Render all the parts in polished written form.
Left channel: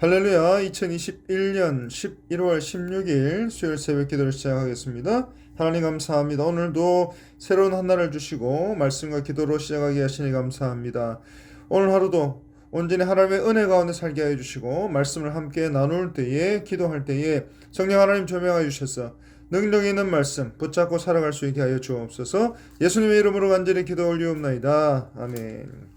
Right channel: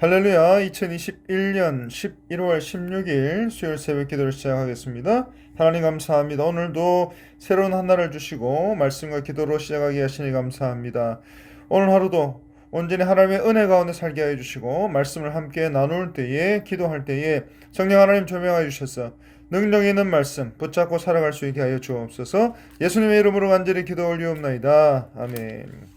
할렐루야. 2021년 11월 16일 수요일 새벽 기도를 시작하겠습니다. 하나님 감사합니다. 오늘도 새로운 한 날을 주시고 말씀과 기도로 시작하게 하시니 감사합니다. 오늘 하루도 온전히 하나님의 은혜 가운데 살게 하여 주시고 말씀을 함께 나눌 때에 기도할 때에 성령 하나님 조명하여 주셔서 능력 있는 말씀 붙잡고 살아갈 수 있게 하여 주옵소서. 예수님의 이름으로 간절히 기도 올리옵나이다. 아멘.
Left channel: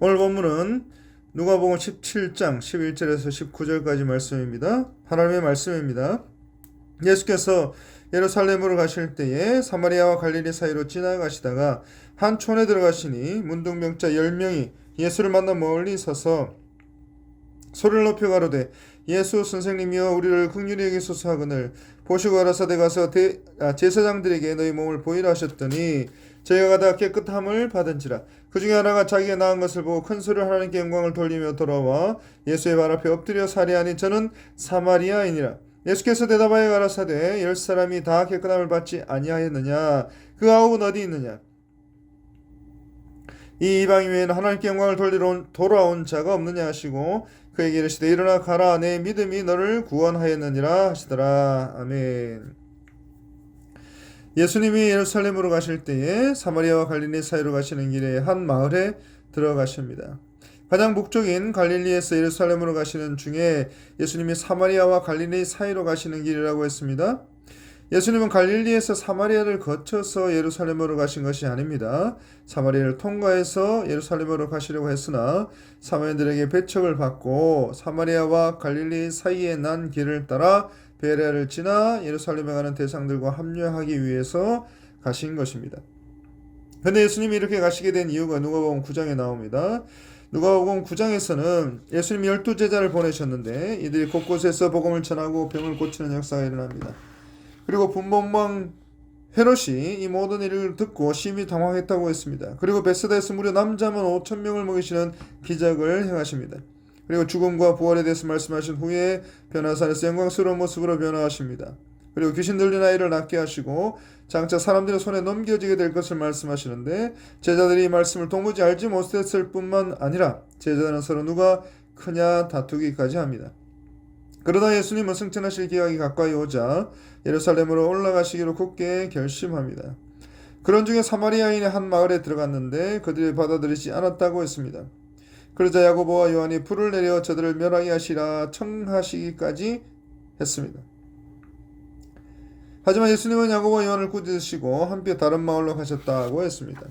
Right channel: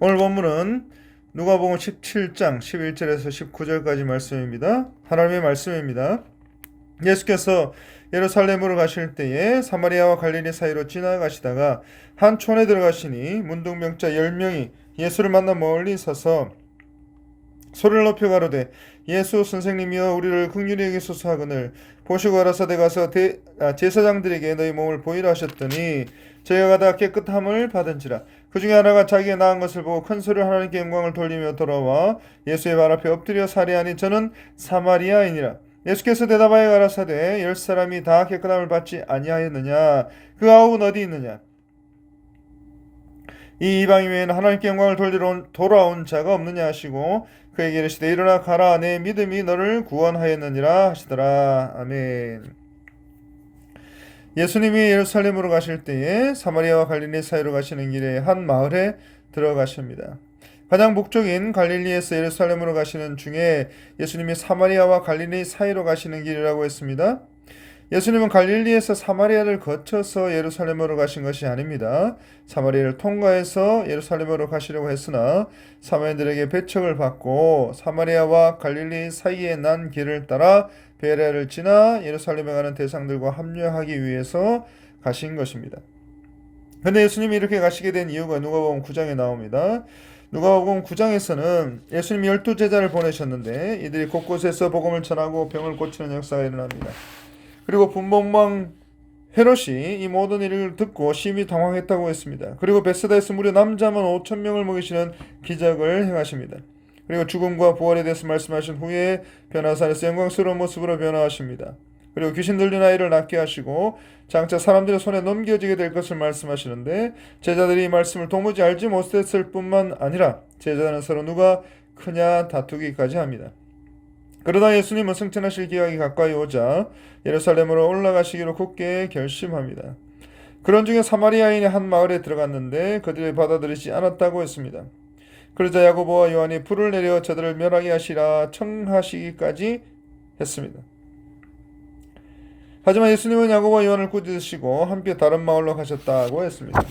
오늘 본문은 누가복음 17장 11절에서 19절까지 말씀입니다. 하나님의 말씀입니다. 예수께서 예루살렘으로 가실 때에 사마리아와 갈릴리 사이로 지나가시다가 한 촌에 들어가시니 문둥병자 10명이 예수를 만나 멀리 서서 소리를 높여 가로되 예수 선생님이여 우리를 긍휼히 여기소서 하거늘 보시고 가라사대 가서 제사장들에게 너희 몸을 보이라 하셨더니 저희가 가다 깨끗함을 받은지라. 그 중에 하나가 자기가 나은 것을 보고 큰 소리로 하나님께 영광을 돌리며 돌아와 예수의 발 앞에 엎드려 살해하니 저는 사마리아인이라. 예수께서 대답하여 가라사대 10사람이 다 깨끗함을 받지 아니하였느냐? 그 아홉은 어디 있느냐? 이 이방인 외에는 하나님께 영광을 돌리러 돌아온 자가 없느냐 하시고 그에게 이르시되 일어나 가라 내 믿음이 너를 구원하였느니라 하시더라. 아멘. 예수님이 예루살렘으로 가실 때에 사마리아와 갈릴리 사이로 가시는 길에 한 마을에 들어가십니다. 가장 북쪽인 갈릴리에서 예루살렘으로 가시는 중에 예수님이 사마리아와 갈릴리 사이로 가시는 길이라고 했습니다. 예수님은 갈릴리에서 사마리아를 거쳐서 예루살렘으로 가신 것이 아닙니다. 사마리아를 통과해서 예루살렘으로 가시려고 했으나 사마리아인들에게 배척을 받고 사마리아와 갈릴리 사이에 난 길을 따라 베레아를 지나 예루살렘에 가는 대상들과 합류하기 위해서 가신 것입니다. 그런데 예수님이 이렇게 가시게 된 이유가 누가복음 9장에 나옵니다. 누가복음 9장에서는 예수님이 12제자를 보내셨는데 이들이 곳곳에서 복음을 전하고 병을 고치는 역사가 일어납니다. 그리고 분봉왕 헤롯이 이 모든 일을 듣고 심히 당황했다고 했습니다. 그리고 베세다에서 무려 남자만 5,000명을 먹이시는 기적을 행하십니다. 그리고 죽음과 부활에 대해서 말씀하신 후에 변화산에서 영광스러운 모습으로 변화하십니다. 그리고 귀신 들린 아이를 낫게 하시고 장차 사람들의 손에 넘겨지게 될 것을 말씀하시는데 제자들이 이 말씀을 도무지 알지 못했을 뿐만 아니라 제자들은 서로 누가 크냐 다투기까지 합니다. 그러다 예수님은 승천하실 기약이 가까이 오자 예루살렘으로 올라가시기로 굳게 결심합니다. 그런 중에 사마리아인의 한 마을에 들어갔는데 그들이 받아들이지 않았다고 했습니다. 그러자 야고보와 요한이 불을 내려 저들을 멸하게 하시라 청하시기까지 했습니다. 하지만 예수님은 야고보와 요한을 꾸짖으시고 함께 다른 마을로 가셨다고 했습니다.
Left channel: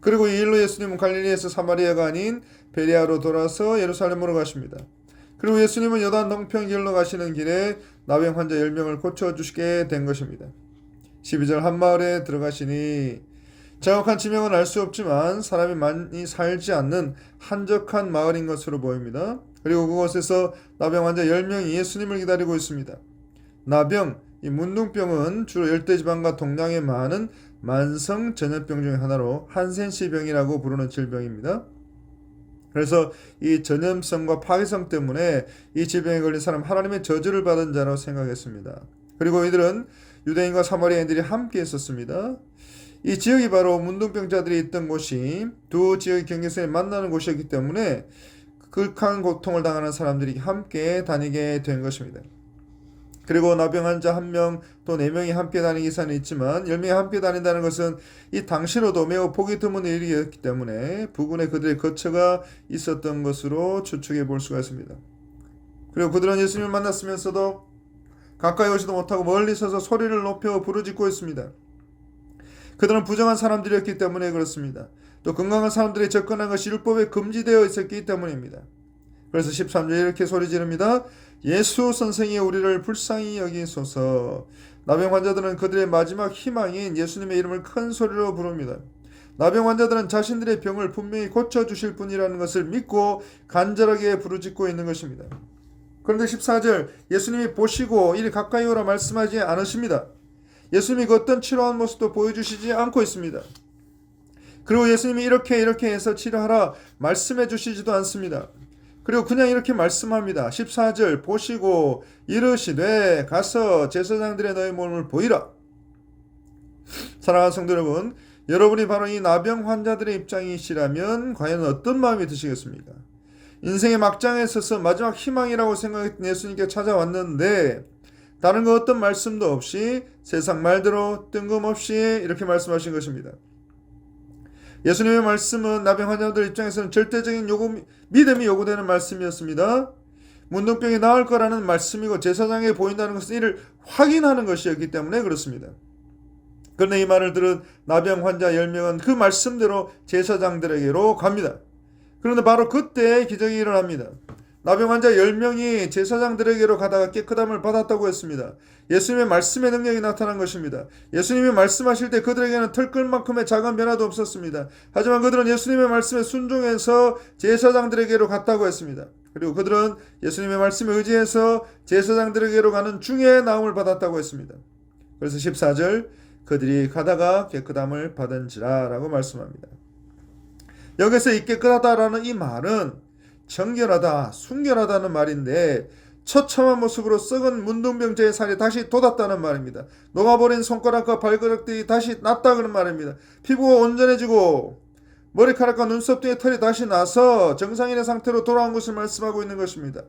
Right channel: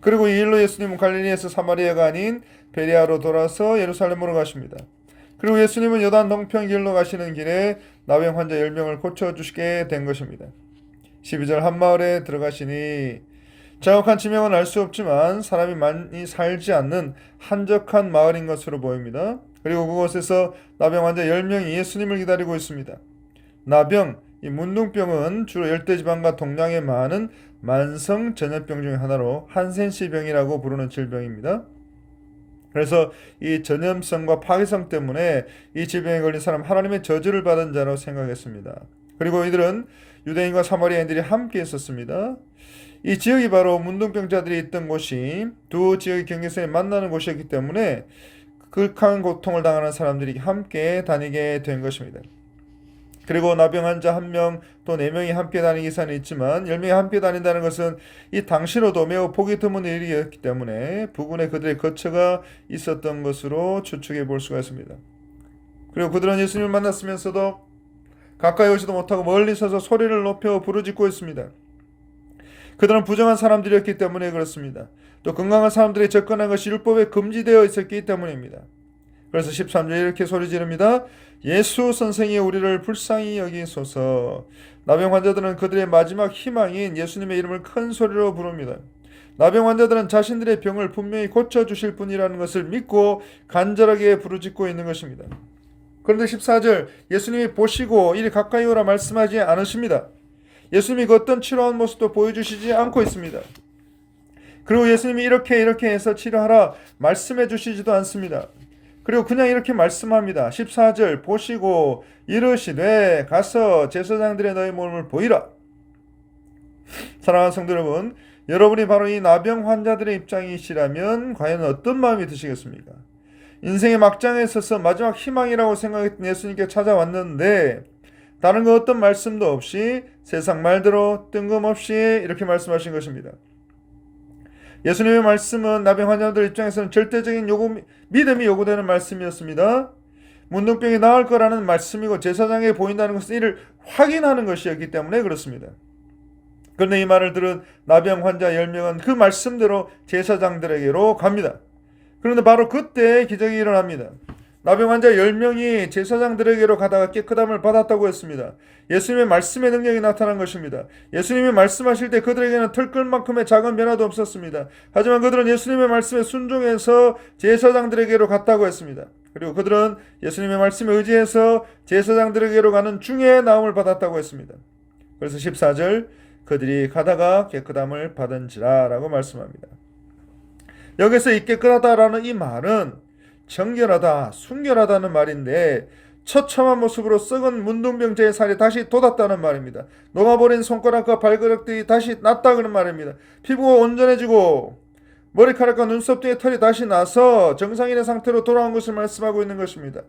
그리고 이 일로 예수님은 갈릴리에서 사마리아가 아닌 베레아로 돌아서 예루살렘으로 가십니다. 그리고 예수님은 요단 동편 길로 가시는 길에 나병 환자 10명을 고쳐주시게 된 것입니다. 12절 한 마을에 들어가시니 정확한 지명은 알 수 없지만 사람이 많이 살지 않는 한적한 마을인 것으로 보입니다. 그리고 그곳에서 나병 환자 10명이 예수님을 기다리고 있습니다. 나병, 이 문둥병은 주로 열대지방과 동양에 많은 만성 전염병 중 하나로 한센시병이라고 부르는 질병입니다. 그래서 이 전염성과 파괴성 때문에 이 질병에 걸린 사람 하나님의 저주를 받은 자로 생각했습니다. 그리고 이들은 유대인과 사마리아인들이 함께 있었습니다. 이 지역이 바로 문둥병자들이 있던 곳이 두 지역의 경계선에 만나는 곳이었기 때문에 극한 고통을 당하는 사람들이 함께 다니게 된 것입니다. 그리고 나병 환자 1명 또 4명이 함께 다니는 기사는 있지만 10명이 함께 다닌다는 것은 이 당시로도 매우 보기 드문 일이었기 때문에 부근에 그들의 거처가 있었던 것으로 추측해 볼 수가 있습니다. 그리고 그들은 예수님을 만났으면서도 가까이 오지도 못하고 멀리 서서 소리를 높여 부르짖고 있습니다. 그들은 부정한 사람들이었기 때문에 그렇습니다. 또 건강한 사람들이 접근한 것이 율법에 금지되어 있었기 때문입니다. 그래서 13절에 이렇게 소리 지릅니다. 예수 선생이 우리를 불쌍히 여기소서. 나병 환자들은 그들의 마지막 희망인 예수님의 이름을 큰 소리로 부릅니다. 나병 환자들은 자신들의 병을 분명히 고쳐주실 분이라는 것을 믿고 간절하게 부르짖고 있는 것입니다. 그런데 14절 예수님이 보시고 이리 가까이 오라 말씀하지 않으십니다. 예수님이 그 어떤 치료한 모습도 보여주시지 않고 있습니다. 그리고 예수님이 이렇게 해서 치료하라 말씀해 주시지도 않습니다. 그리고 그냥 이렇게 말씀합니다. 14절 보시고 이르시되 가서 제사장들의 너희 몸을 보이라. 사랑하는 성도 여러분, 여러분이 바로 이 나병 환자들의 입장이시라면 과연 어떤 마음이 드시겠습니까? 인생의 막장에 서서 마지막 희망이라고 생각했던 예수님께 찾아왔는데 다른 거 어떤 말씀도 없이 세상 말대로 뜬금없이 이렇게 말씀하신 것입니다. 예수님의 말씀은 나병 환자들 입장에서는 절대적인 믿음이 요구되는 말씀이었습니다. 문둥병이 나을 거라는 말씀이고 제사장에 보인다는 것은 이를 확인하는 것이었기 때문에 그렇습니다. 그런데 이 말을 들은 나병 환자 10명은 그 말씀대로 제사장들에게로 갑니다. 그런데 바로 그때 기적이 일어납니다. 나병 환자 10명이 제사장들에게로 가다가 깨끗함을 받았다고 했습니다. 예수님의 말씀의 능력이 나타난 것입니다. 예수님이 말씀하실 때 그들에게는 털끝만큼의 작은 변화도 없었습니다. 하지만 그들은 예수님의 말씀에 순종해서 제사장들에게로 갔다고 했습니다. 그리고 그들은 예수님의 말씀에 의지해서 제사장들에게로 가는 중에 나음을 받았다고 했습니다. 그래서 14절 그들이 가다가 깨끗함을 받은지라 라고 말씀합니다. 여기서 이 깨끗하다라는 이 말은 정결하다, 순결하다는 말인데 처참한 모습으로 썩은 문둥병자의 살이 다시 돋았다는 말입니다. 녹아버린 손가락과 발가락들이 다시 났다 그런 말입니다. 피부가 온전해지고 머리카락과 눈썹 등의 털이 다시 나서 정상인의 상태로 돌아온 것을 말씀하고 있는 것입니다.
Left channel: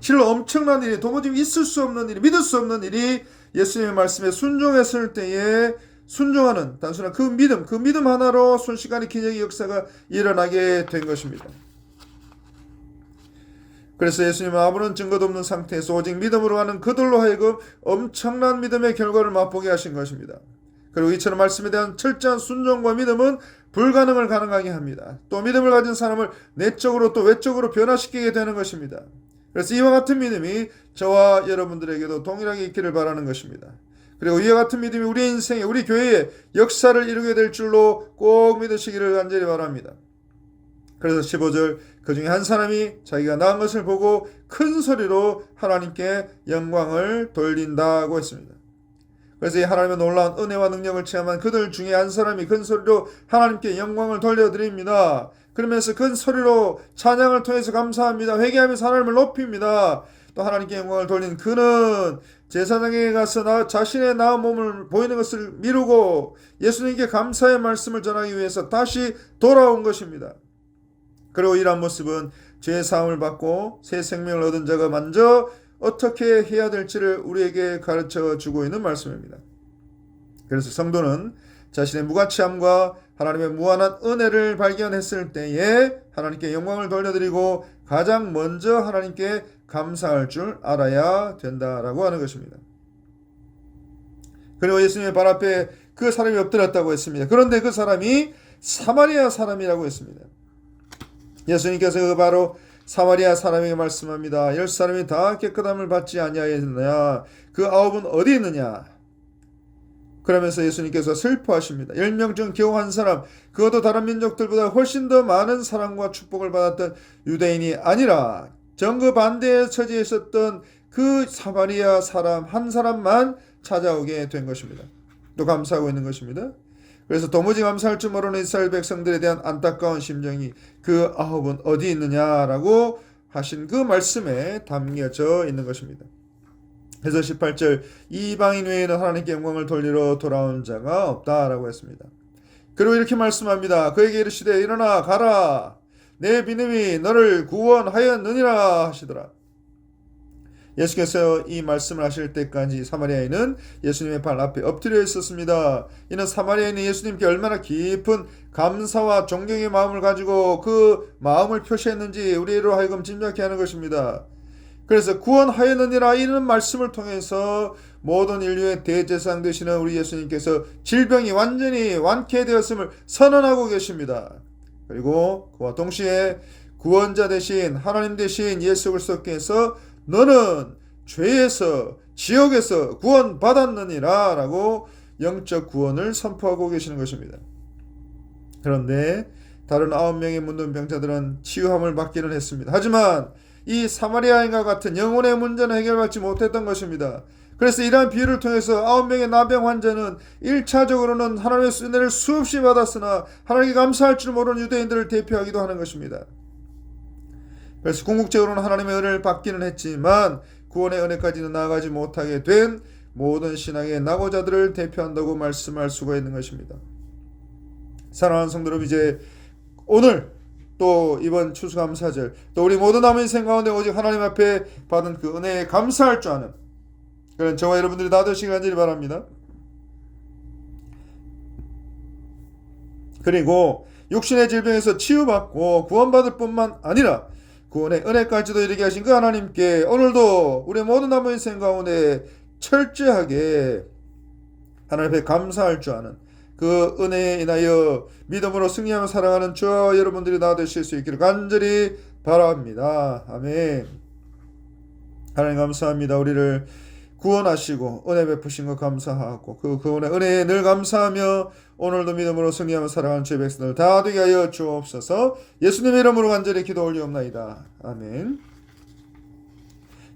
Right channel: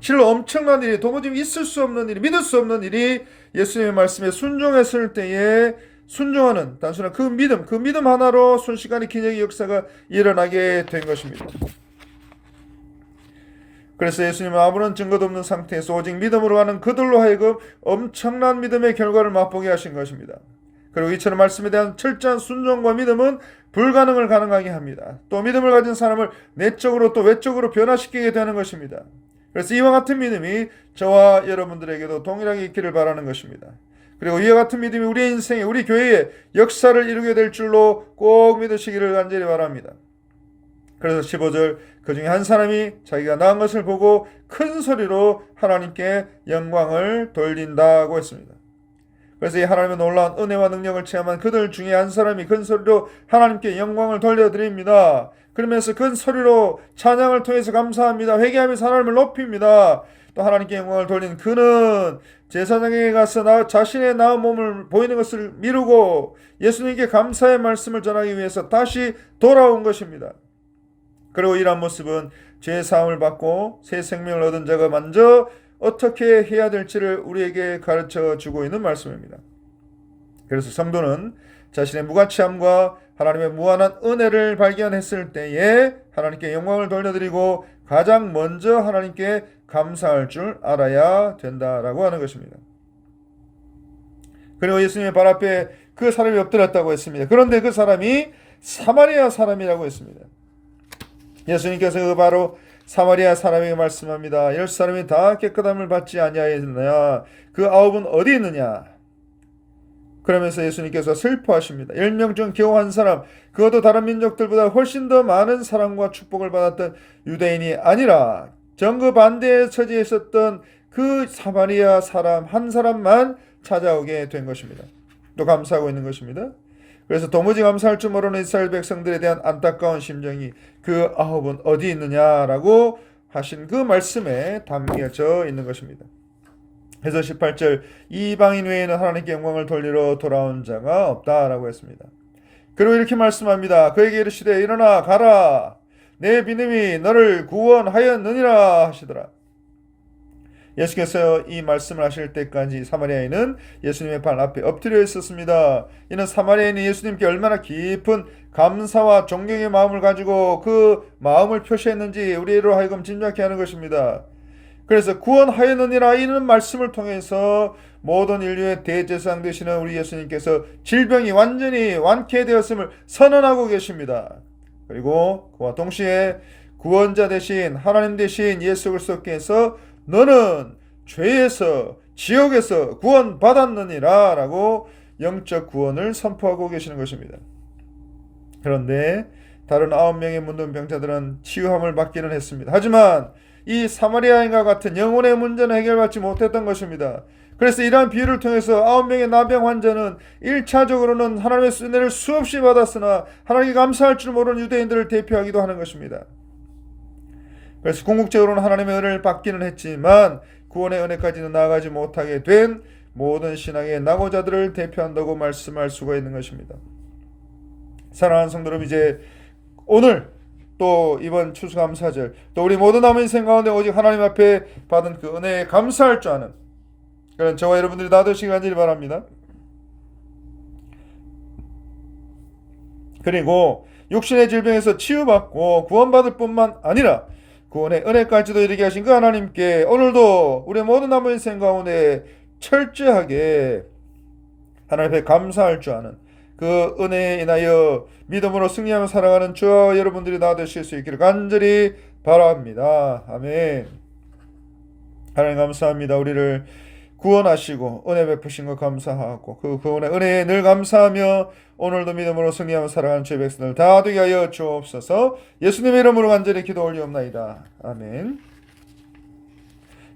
실로 엄청난 일이, 도무지 있을 수 없는 일이, 믿을 수 없는 일이 예수님의 말씀에 순종했을 때에 순종하는 단순한 그 믿음 하나로 순식간에 기적의 역사가 일어나게 된 것입니다. 그래서 예수님은 아무런 증거도 없는 상태에서 오직 믿음으로 가는 그들로 하여금 엄청난 믿음의 결과를 맛보게 하신 것입니다. 그리고 이처럼 말씀에 대한 철저한 순종과 믿음은 불가능을 가능하게 합니다. 또 믿음을 가진 사람을 내적으로 또 외적으로 변화시키게 되는 것입니다. 그래서 이와 같은 믿음이 저와 여러분들에게도 동일하게 있기를 바라는 것입니다. 그리고 이와 같은 믿음이 우리 인생에, 우리 교회에 역사를 이루게 될 줄로 꼭 믿으시기를 간절히 바랍니다. 그래서 15절 그 중에 한 사람이 자기가 낳은 것을 보고 큰 소리로 하나님께 영광을 돌린다고 했습니다. 그래서 이 하나님의 놀라운 은혜와 능력을 체험한 그들 중에 한 사람이 큰 소리로 하나님께 영광을 돌려드립니다. 그러면서 큰 소리로 찬양을 통해서 감사합니다. 회개하면서 하나님을 높입니다. 또 하나님께 영광을 돌린 그는 제사장에게 가서 자신의 나은 몸을 보이는 것을 미루고 예수님께 감사의 말씀을 전하기 위해서 다시 돌아온 것입니다. 그리고 이러한 모습은 죄의 사함을 받고 새 생명을 얻은 자가 먼저 어떻게 해야 될지를 우리에게 가르쳐 주고 있는 말씀입니다. 그래서 성도는 자신의 무가치함과 하나님의 무한한 은혜를 발견했을 때에 하나님께 영광을 돌려드리고 가장 먼저 하나님께 감사할 줄 알아야 된다라고 하는 것입니다. 그리고 예수님의 발 앞에 그 사람이 엎드렸다고 했습니다. 그런데 그 사람이 사마리아 사람이라고 했습니다. 예수님께서 바로 사마리아 사람에게 말씀합니다. 10사람이 다 깨끗함을 받지 아니하였느냐? 그 9은 어디 있느냐? 그러면서 예수님께서 슬퍼하십니다. 10명 중 겨우 한 사람, 그것도 다른 민족들보다 훨씬 더 많은 사랑과 축복을 받았던 유대인이 아니라 정반대의 처지에 있었던 그 사마리아 사람 한 사람만 찾아오게 된 것입니다. 또 감사하고 있는 것입니다. 그래서 도무지 감사할 줄 모르는 이스라엘 백성들에 대한 안타까운 심정이 그 9은 어디 있느냐라고 하신 그 말씀에 담겨져 있는 것입니다. 그래서 18절 이방인 외에는 하나님께 영광을 돌리러 돌아온 자가 없다라고 했습니다. 그리고 이렇게 말씀합니다. 그에게 이르시되 일어나 가라 내 믿음이 너를 구원하였느니라 하시더라. 예수께서 이 말씀을 하실 때까지 사마리아인은 예수님의 발 앞에 엎드려 있었습니다. 이는 사마리아인이 예수님께 얼마나 깊은 감사와 존경의 마음을 가지고 그 마음을 표시했는지 우리로 하여금 짐작케 하는 것입니다. 그래서 구원하였느니라 이런 말씀을 통해서 모든 인류의 대제사장 되시는 우리 예수님께서 질병이 완전히 완쾌되었음을 선언하고 계십니다. 그리고 그와 동시에 구원자 되신 하나님 되신 예수 그리스도께서 너는 죄에서 지옥에서 구원받았느니라 라고 영적 구원을 선포하고 계시는 것입니다. 그런데 다른 9명의 문둥병자들은 치유함을 받기는 했습니다. 하지만 이 사마리아인과 같은 영혼의 문제는 해결받지 못했던 것입니다. 그래서 이러한 비유를 통해서 9명의 나병 환자는 1차적으로는 하나님의 은혜를 수없이 받았으나 하나님께 감사할 줄 모르는 유대인들을 대표하기도 하는 것입니다. 그래서 궁극적으로는 하나님의 은혜를 받기는 했지만 구원의 은혜까지는 나아가지 못하게 된 모든 신앙의 낙오자들을 대표한다고 말씀할 수가 있는 것입니다. 사랑하는 성도 여러분, 이제 오늘 또 이번 추수감사절 또 우리 모든 남은 인생 가운데 오직 하나님 앞에 받은 그 은혜에 감사할 줄 아는 그런 저와 여러분들이 다 되시기 간절히 바랍니다. 그리고 육신의 질병에서 치유받고 구원받을 뿐만 아니라 구원의 은혜까지도 이르게 하신 그 하나님께 오늘도 우리의 모든 남은 인생 가운데 철저하게 하나님 앞에 감사할 줄 아는 그 은혜에 인하여 믿음으로 승리하며 살아가는 저와 여러분들이 다 되실 수 있기를 간절히 바랍니다. 아멘. 하나님 감사합니다. 우리를 구원하시고 은혜 베푸신 것 감사하고 그 구원의 은혜에 늘 감사하며 오늘도 믿음으로 승리하며 살아가는 주의 백성들 다 되게 하여 주옵소서. 예수님의 이름으로 간절히 기도 올리옵나이다. 아멘.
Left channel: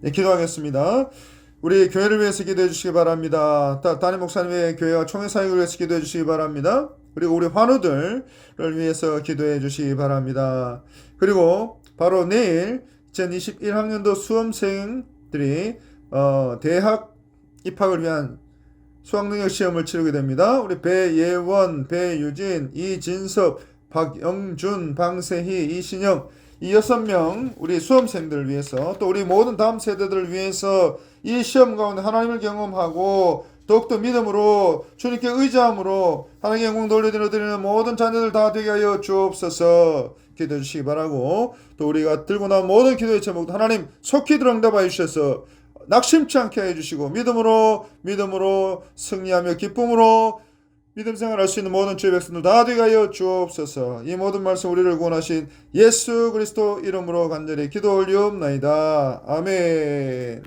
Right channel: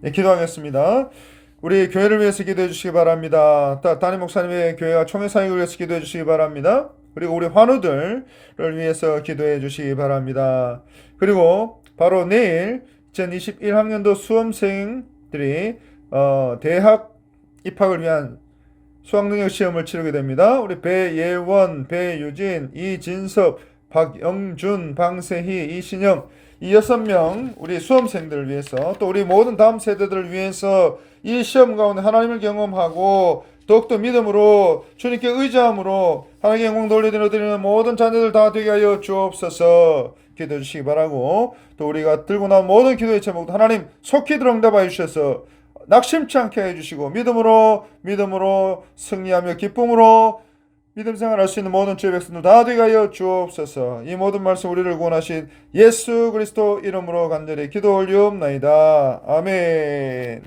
네, 기도하겠습니다. 우리 교회를 위해서 기도해 주시기 바랍니다. 담임 목사님의 교회와 총회 사역을 위해서 기도해 주시기 바랍니다. 그리고 우리 환우들을 위해서 기도해 주시기 바랍니다. 그리고 바로 내일 2021학년도 수험생들이 대학 입학을 위한 수학능력 시험을 치르게 됩니다. 우리 배예원, 배유진, 이진섭, 박영준, 방세희, 이신영 이 6명 우리 수험생들을 위해서 또 우리 모든 다음 세대들을 위해서 이 시험 가운데 하나님을 경험하고 더욱더 믿음으로 주님께 의지함으로 하나님께 영광 돌려드리는 모든 자녀들 다 되게 하여 주옵소서. 기도해 주시기 바라고 또 우리가 들고 나온 모든 기도의 제목도 하나님 속히 들응답하여 주셔서 낙심치 않게 해주시고 믿음으로 승리하며 기쁨으로 믿음 생활할 수 있는 모든 주의 백성들 다 되게 하여 주옵소서. 이 모든 말씀 우리를 구원하신 예수 그리스도 이름으로 간절히 기도 올리옵나이다. 아멘.